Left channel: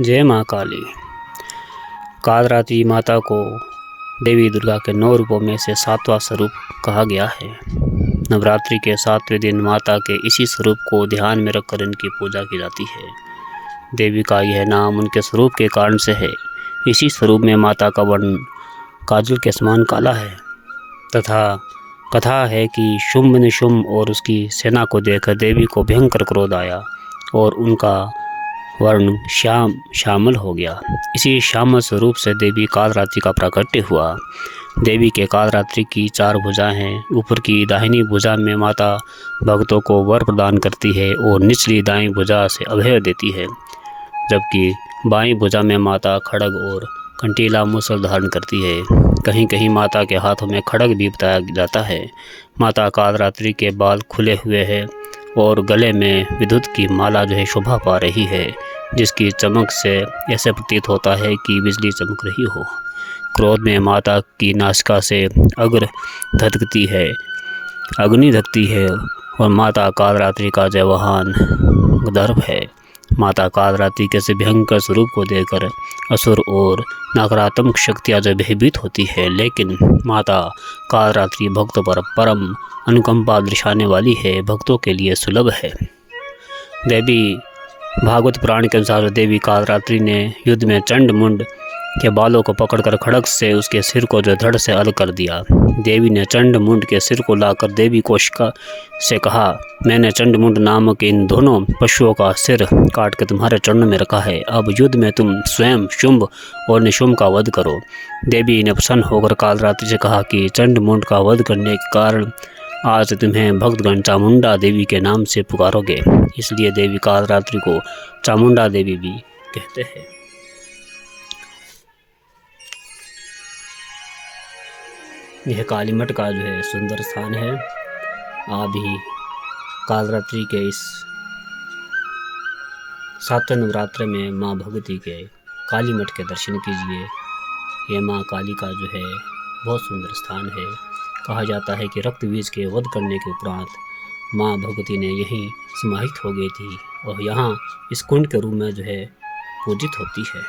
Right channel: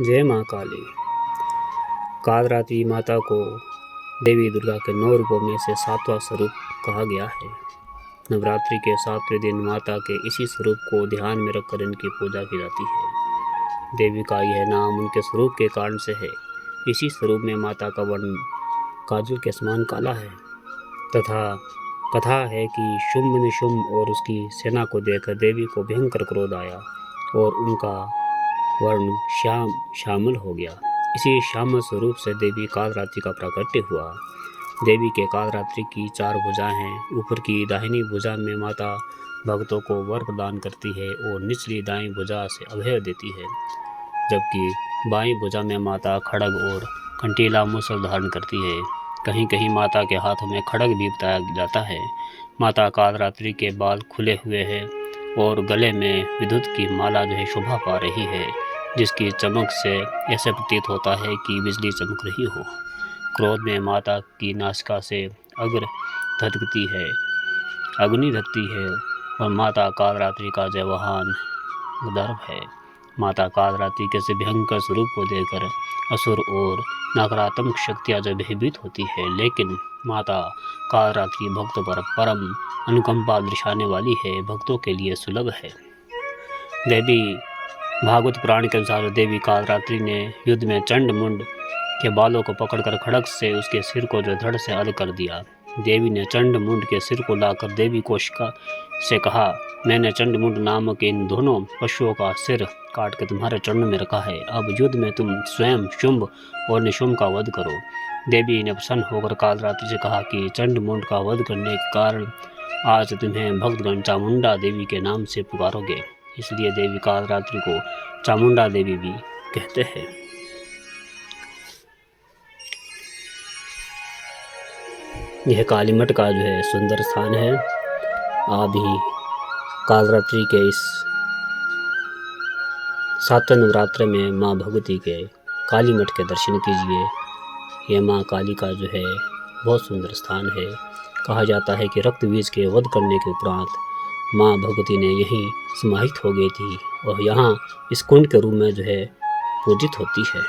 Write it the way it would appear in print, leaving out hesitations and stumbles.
जय माँ काली। कालरात्रि माता को देवी दुर्गा के 9 रूपों में से 7वां स्वरूप कहा गया है। नवरात्रि के 7वें दिन माता के इसी स्वरूप को ध्यान में रखकर इनकी पूजा की जाती है। देवी का यह नाम उनके स्वरूप के कारण से है। इसी स्वरूप में माता का वर्ण काजल के समान काला है तथा कथा है कि शुंभ निशुंभ और उसकी सेना को देखकर देवी को भयंकर क्रोध आया और उनका वर्ण श्यामल हो गया। इसी श्यामल स्वरूप से देवी कालरात्रि का प्राकट्य हुआ। देवी के कालरात्रि की 4 भुजाएं हैं। ऊपर की दाहिनी भुजा में माता भक्तों को वर प्रदान करती है और निचली दाईं भुजा से अभय देती है, जबकि बाईं भुजा में माता खड्ग और कंटीला मूसल धारण करती है। कहीं कहीं माता के हाथों में खड्ग भी बताया जाता है। माता कालरात्रि के बाल खुले हुए हैं और गले में विद्युत की माला शोभा पा रही है, जिसकी चमक से ऐसे प्रतीत होता है कि बिजली चमक रही हो। क्रोध में माता की नासिका से अग्नि धकती है और माता कालरात्रि का जयवाहन गर्भ है। माता कालरात्रि के से भयंकर स्वरूप को देखकर असुर और नकारात्मक शक्तियाँ भयभीत होती है, लेकिन माता कालरात्रि भक्तों पर परम अनुकंपा दर्शाने वाली है, भक्तों के लिए सुलभ है। देवी भागवत पुराण के अनुसार देवी कालरात्रि ने युद्ध में चंड मुंड के बालों को पकड़कर खड्ग से उसके सिर को धड़ से अलग कर दिया। देवी ने चंड मुंड के सिर को लाकर देवी कोशिका से कहा, मैंने चंड मुंड नामक इन दोनों पशुओं का सिर काट कर तुम्हारे चरणों में रखा है। अब युद्ध में तुम स्वयं शुंभ और निशुंभ का वध करो। देवी ने प्रसन्न होकर कालरात्रि से कहा कि चंड मुंड का वध करने के कारण आज तुम्हें भक्तगण चामुंडा देवी के नाम से पुकारोगे। इसलिए देवी कालरात्रि को चामुंडा देवी भी कहते हैं। यह कालीमठ का सुंदर स्थान है। आप भी कालरात्रि के इस 7वें नवरात्र में माँ भगवती के कालीमठ के दर्शन कीजिए। यह माँ काली का बहुत सुंदर स्थान है। कहा जाता है कि रक्त बीज के वध करने के उपरांत माँ भगवती ने यहीं समाहित हो गई थी और यहाँ इस कुंड के रूप में पूजित होती है।